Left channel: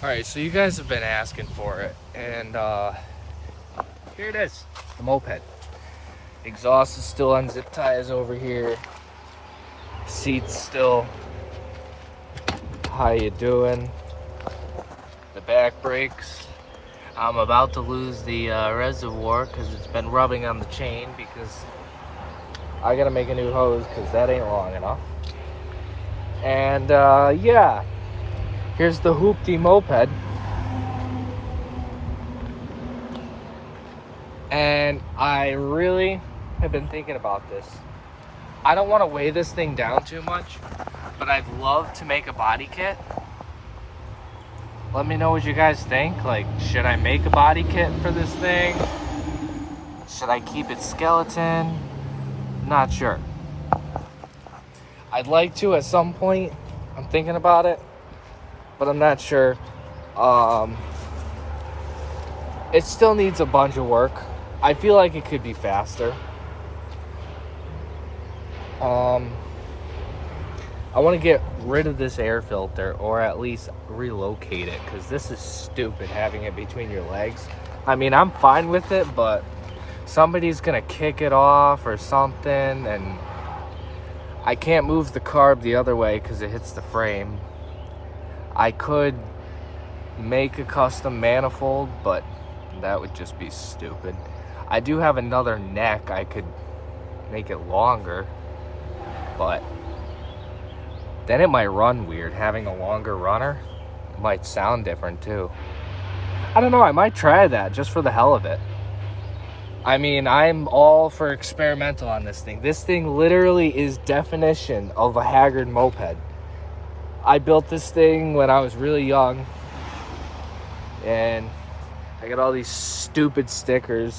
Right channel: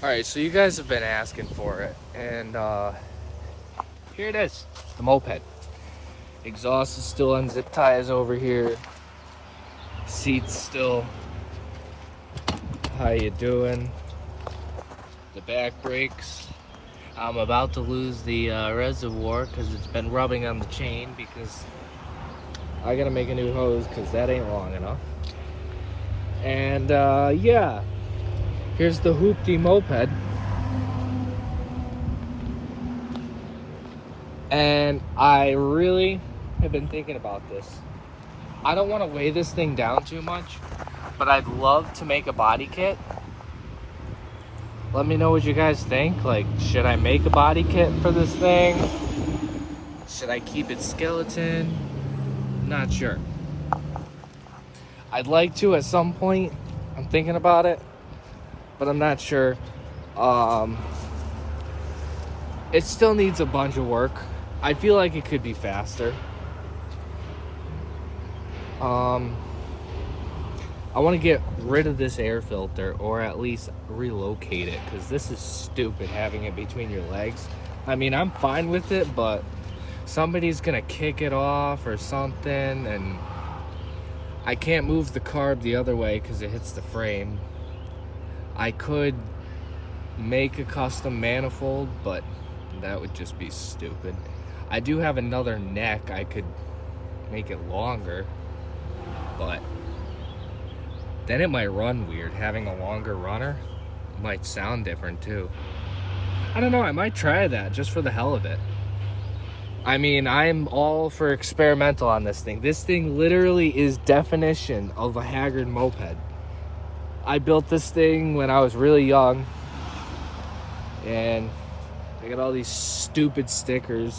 All right, so you guys have been asking for it, and here it is, the Moped. Exhaust is still on zip ties over here. Seats still. How you doing? The back brakes. I'm about to lose the reservoir because it's been rubbing on the chain because I gotta make a new hose because that ain't long enough. And yeah, here's the hoopty Moped. And I really have been thinking about this. I don't want to weigh this thing down too much, but I'd love to make a body kit. Let me know what you guys think. Like, should I make a body kit for this thing? Should I keep it skeleton? Not sure. I'd like to at some point. I'm thinking about it, but I'm not sure. It still needs a bunch of work. I feel like it could be faster. I want to get rid of this air filter, or at least relocate it, because this is stupid having it between your legs. I mean, I'm fine with it, but somebody's gonna kick it off or something, and I can't move the carb the other way because it hits the frame. I could make a custom manifold, but that would just be stupid. I do have another neck. I could make it longer, but then it might run weird. Having a longer runner, it might sound different too. I don't know, I might try that just for the hell of it. I mean, I'm all for experimental on this thing. This thing literally is definition of a haggard moped. I built this thing when I was really young, and I got all these stupid stickers.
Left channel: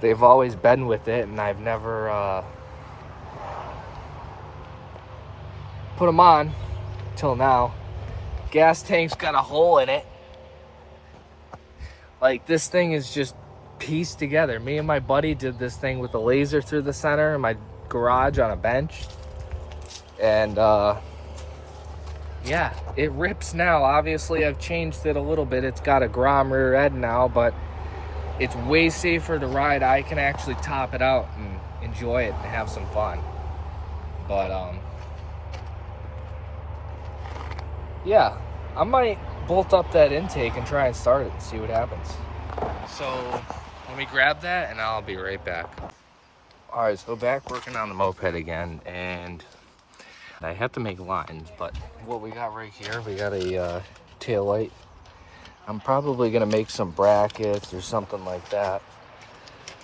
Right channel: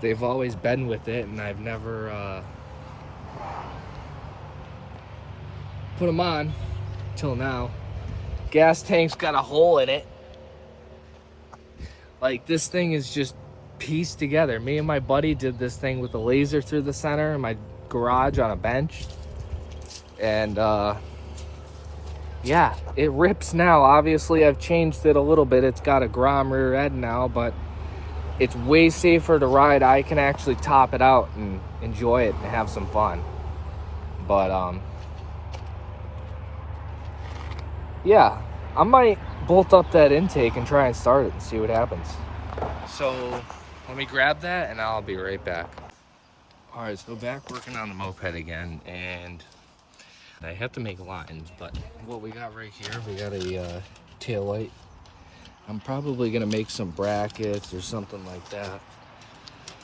They've always been with it, and I've never put them on till now. Gas tank's got a hole in it. Like, this thing is just pieced together. Me and my buddy did this thing with a laser through the center in my garage on a bench. And yeah, it rips now. Obviously, I've changed it a little bit. It's got a Grom rear end now, but it's way safer to ride. I can actually top it out and enjoy it and have some fun. But yeah, I might bolt up that intake and try and start it and see what happens. So let me grab that and I'll be right back. All right, so back working on the moped again, and I have to make lines, but what we got right here, we got a tail light. I'm probably gonna make some brackets or something like that,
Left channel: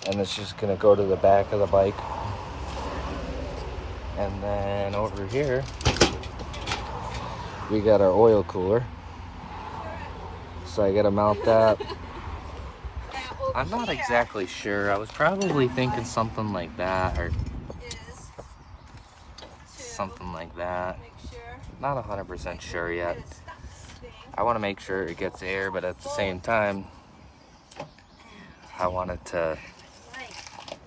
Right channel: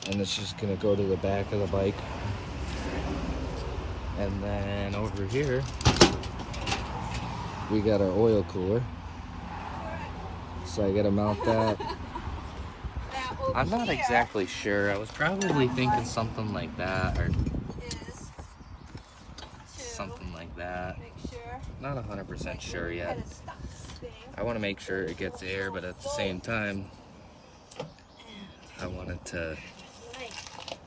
and it's just gonna go to the back of the bike. And then over here, we got our oil cooler. So I gotta mount that. I'm not exactly sure. I was probably thinking something like that, or something like that. Not 100% sure yet. I want to make sure it gets air, but at the same time, I want it to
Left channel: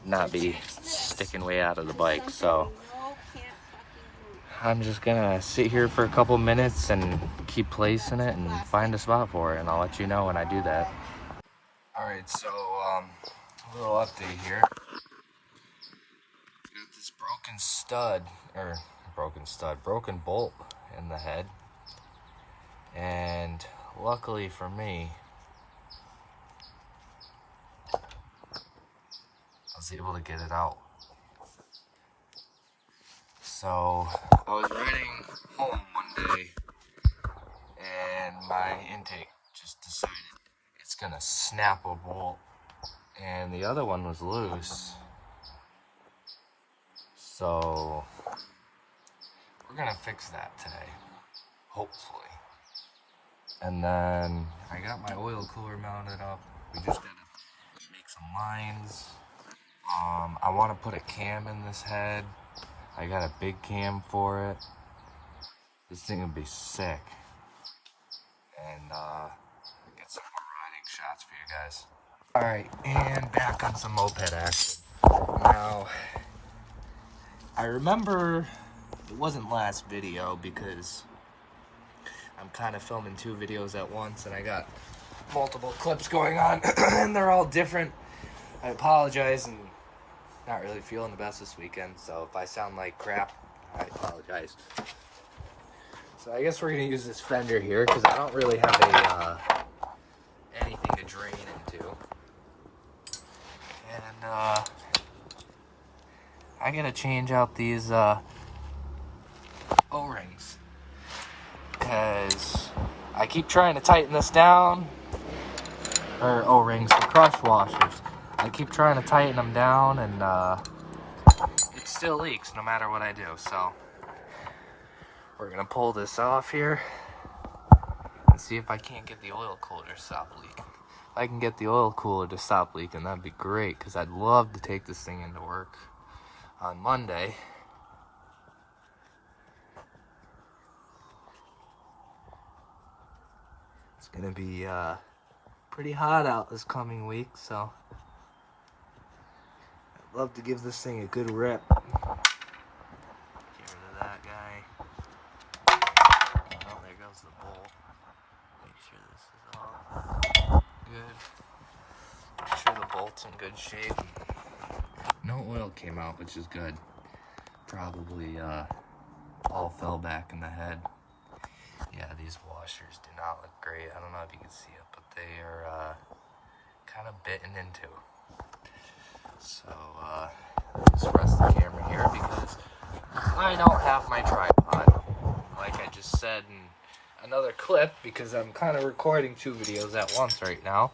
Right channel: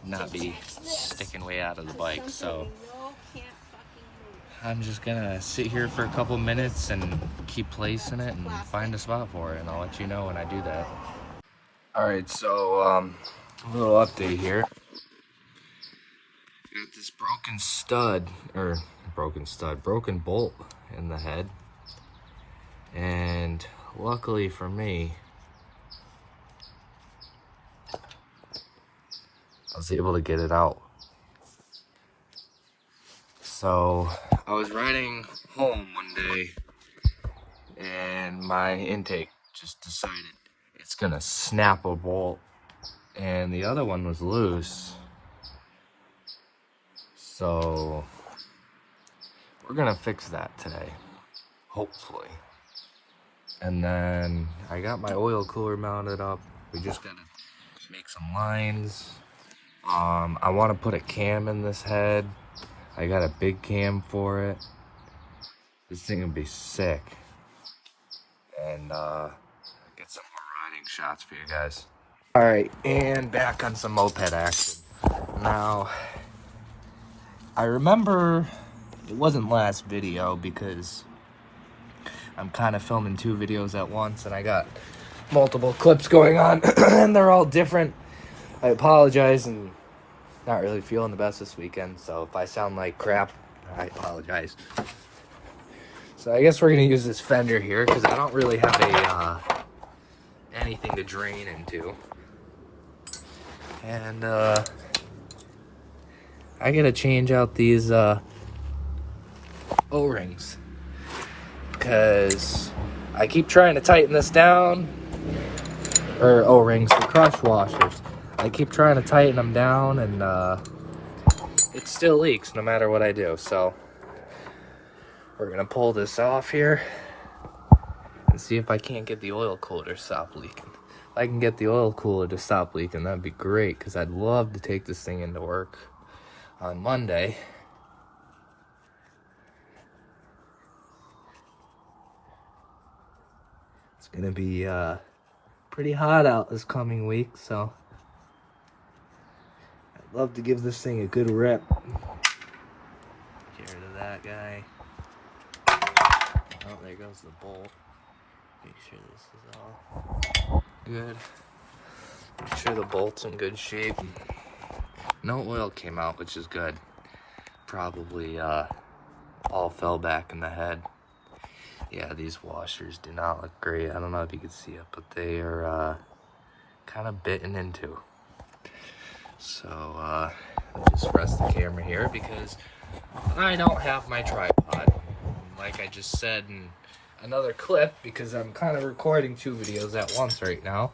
not be sticking way out of the bike. So I'm just gonna sit here for a couple minutes and keep placing it and find a spot for it, and I'll let you know when I do that. All right, so a little update here. Got this broken bolt in the head, and luckily for me, I was able to get it out. So I was riding home one day, and my intake just decided it's gonna snap a bolt, and the other one was loose. So we're gonna fix that today, hopefully. And then I got my oil cooler mounted up. We just gotta make some lines. I want to put a cam in this head. I got a big cam for it. This thing would be sick. And get some more riding shots for you guys. All right, and back on some moped action. Now, I remember it wasn't last video because I'm kind of filming 2 videos at once, and I got multiple clips going on, and they're all different. I apologize, and not really feeling the best this weekend, so if I sound like crap, I apologize. So I guess we're gonna use this fender here because I don't really have anything to drain into, and I gotta change out these O-rings because I keep trying to tighten this down, or O-rings, the crush washers. I keep trying to tighten them down, and it still leaks no matter what I do. So we're gonna pull this off here and see if I can't get the oil cooler to stop leaking. If I can get the oil cooler to stop leaking, that'd be great, because I'd love to take this thing into work on Monday. It's gonna be pretty hot out this coming week, so I'd love to give this thing a good rip. Get rid of that guy. Oh, there goes the bolt. Make sure this is all good. Make sure the bolt's in good shape. No oil came out, which is good. Probably all fell back in the head. Yeah, these washers do not look great. I don't know if you can see it, but they are kind of bitten into. So I'll just rest the camera here because I don't have my tripod. Like I just said in another clip, because I'm kind of recording 2 videos at once right now.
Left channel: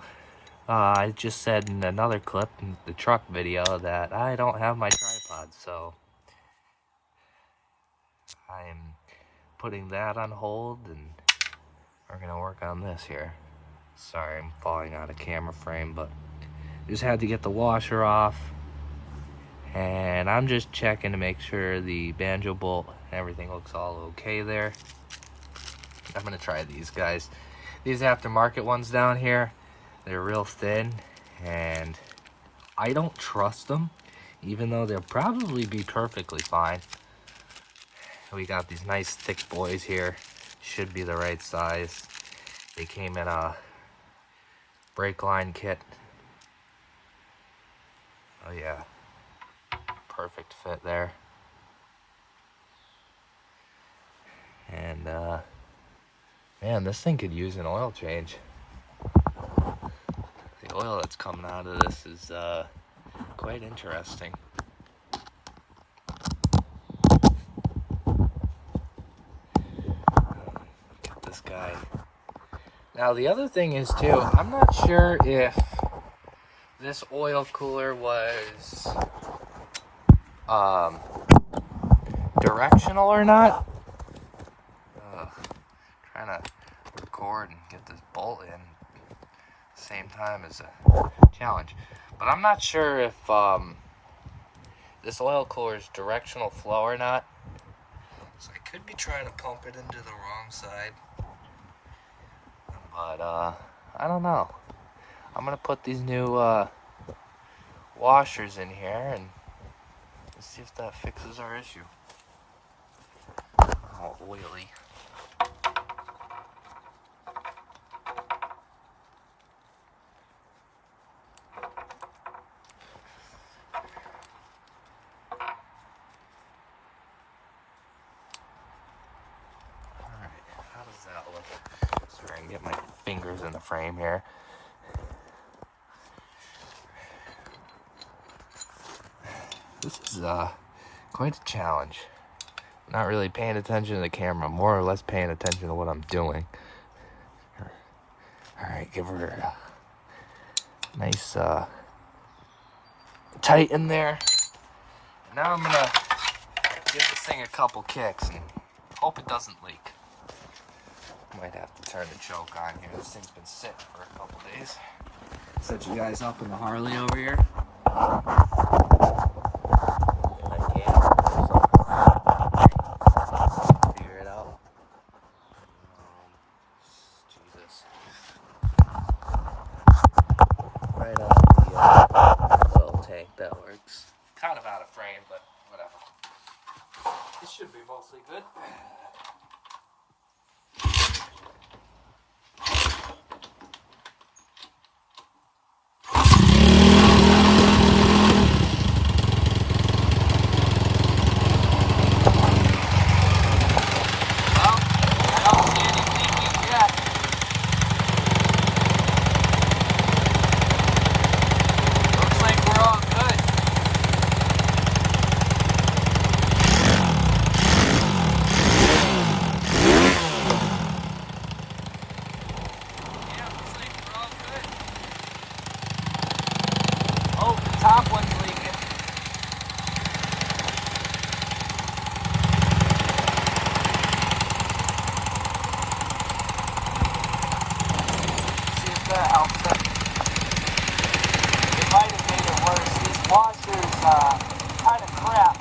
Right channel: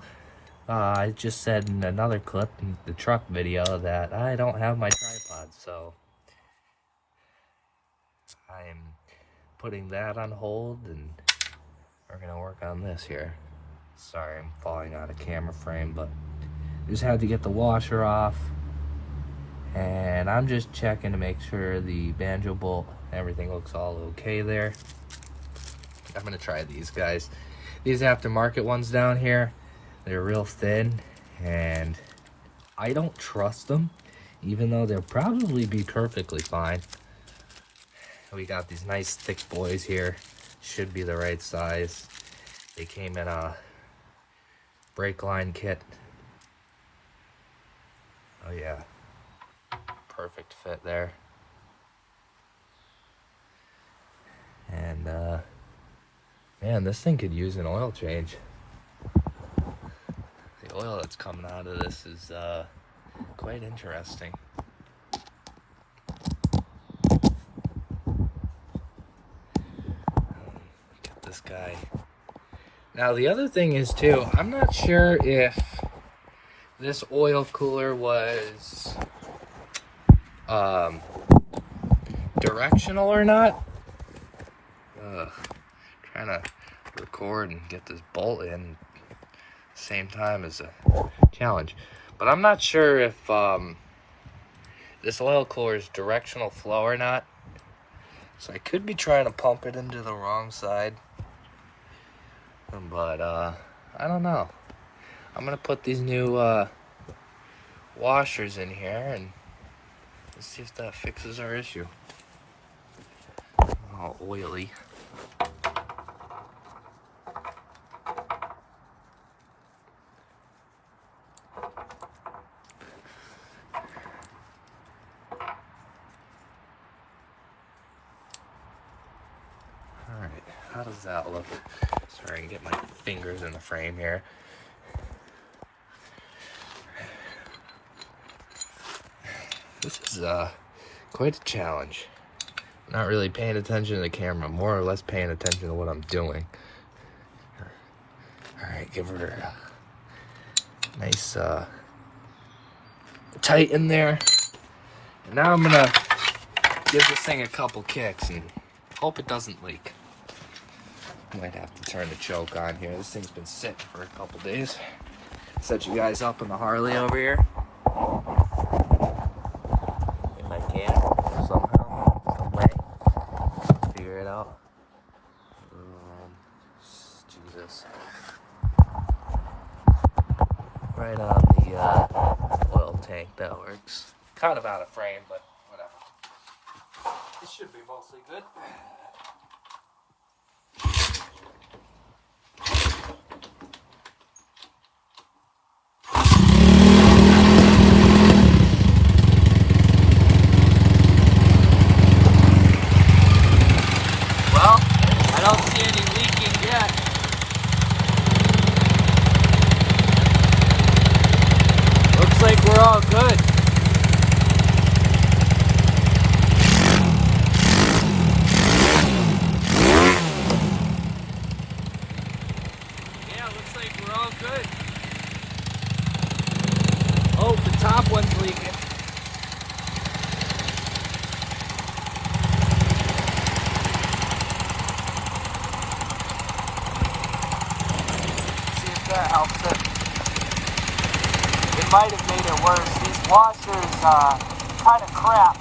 I just said in another clip, in the truck video, that I don't have my tripod, so I'm putting that on hold, and we're gonna work on this here. Sorry, I'm falling out of camera frame, but just had to get the washer off, and I'm just checking to make sure the Banjo bolt, everything looks all okay there. I'm gonna try these guys. These aftermarket ones down here, they're real thin, and I don't trust them, even though they'll probably be perfectly fine. We got these nice thick boys here, should be the right size. They came in a brake line kit. Oh yeah, perfect fit there. And man, this thing could use an oil change. The oil that's coming out of this is quite interesting. Get this guy. Now the other thing is too, I'm not sure if this oil cooler was directional or not. Trying to record and get this bolt in at the same time is a challenge. But I'm not sure if this oil cooler is directional flow or not. So I could be trying to pump it into the wrong side. But I don't know. I'm gonna put these new washers in here and let's see if that fixes our issue. Oh, oily. Alright, how does that look? Sorry, I can get my fingers in the frame here. This is quite a challenge. Not really paying attention to the camera, more or less paying attention to what I'm doing. Alright, give her a nice tighten there. And now I'm gonna give this thing a couple kicks and hope it doesn't leak. Might have to turn the choke on here. This thing's been sitting for a couple days. Set you guys up in the Harley over here. Figure it out. Jesus. Right on the oil tank, that works. Kind of out of frame, but whatever. It should be mostly good. top one's leaking. See if that helps it. It might have made it worse. These washers, kind of crap.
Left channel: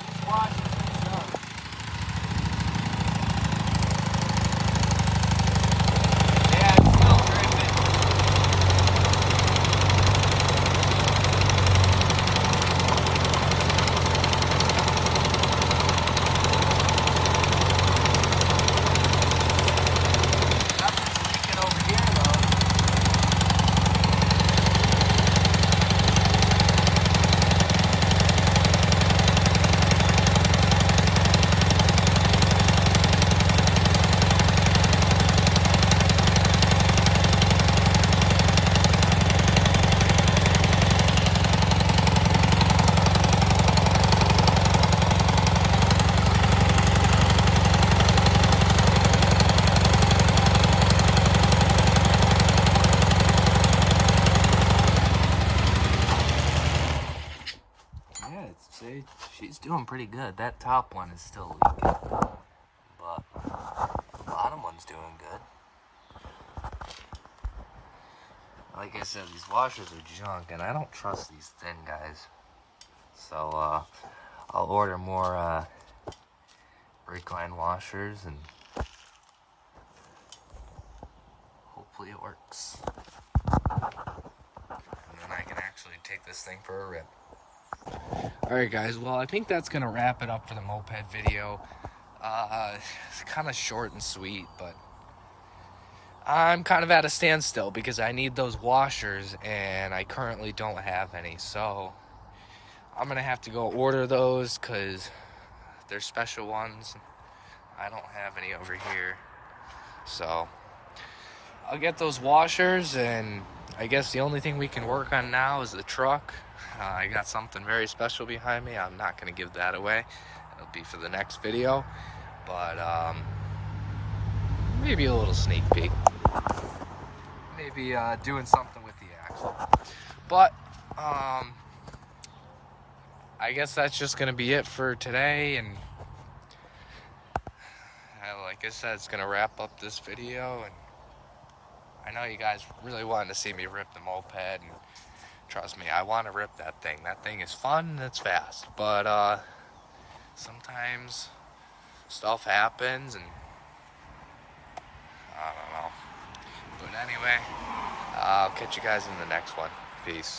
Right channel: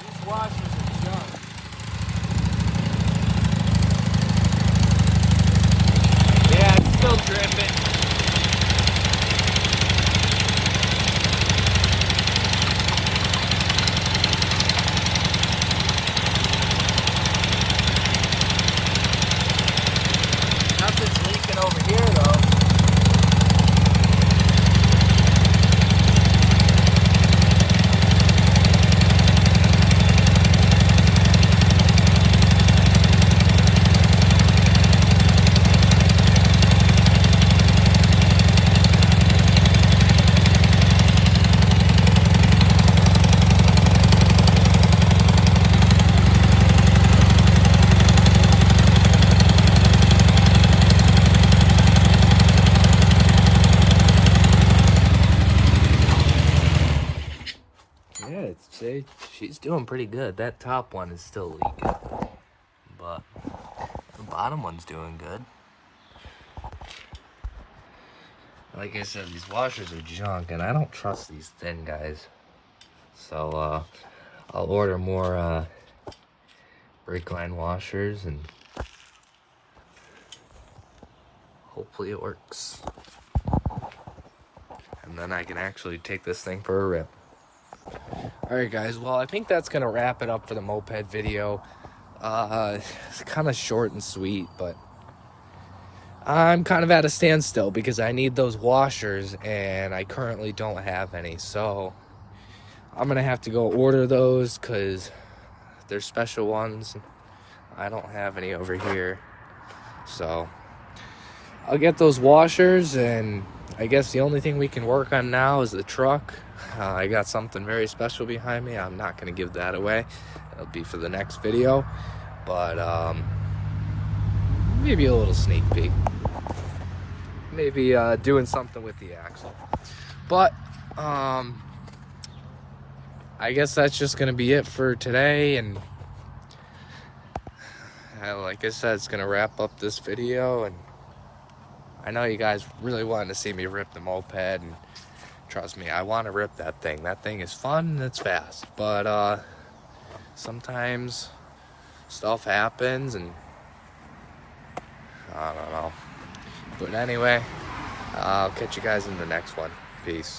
These washers are junk. Yeah, it's still dripping. Nothing's leaking over here though. Yeah, she's doing pretty good. That top one is still leaking, but the bottom one's doing good. Like I said, these washers are junk, and I don't trust these thin guys. So I'll order more brake line washers, and hopefully it works. And then I can actually take this thing for a rip. Alright guys, well I think that's going to wrap it up for the moped video. It's kind of short and sweet, but I'm kind of at a standstill because I need those washers and I currently don't have any. So I'm going to have to go order those because they're special ones. I don't have any over here. So I'll get those washers, and I guess the only thing we can work on now is the truck. I got something very special behind me. I'm not going to give that away. It'll be for the next video. But maybe a little sneak peek. Maybe doing something with the axle. But I guess that's just going to be it for today. And like I said, it's going to wrap up this video. And I know you guys really wanted to see me rip the moped, and trust me, I want to rip that thing. That thing is fun and it's fast, but sometimes stuff happens, and I don't know. But anyway, I'll catch you guys in the next one. Peace.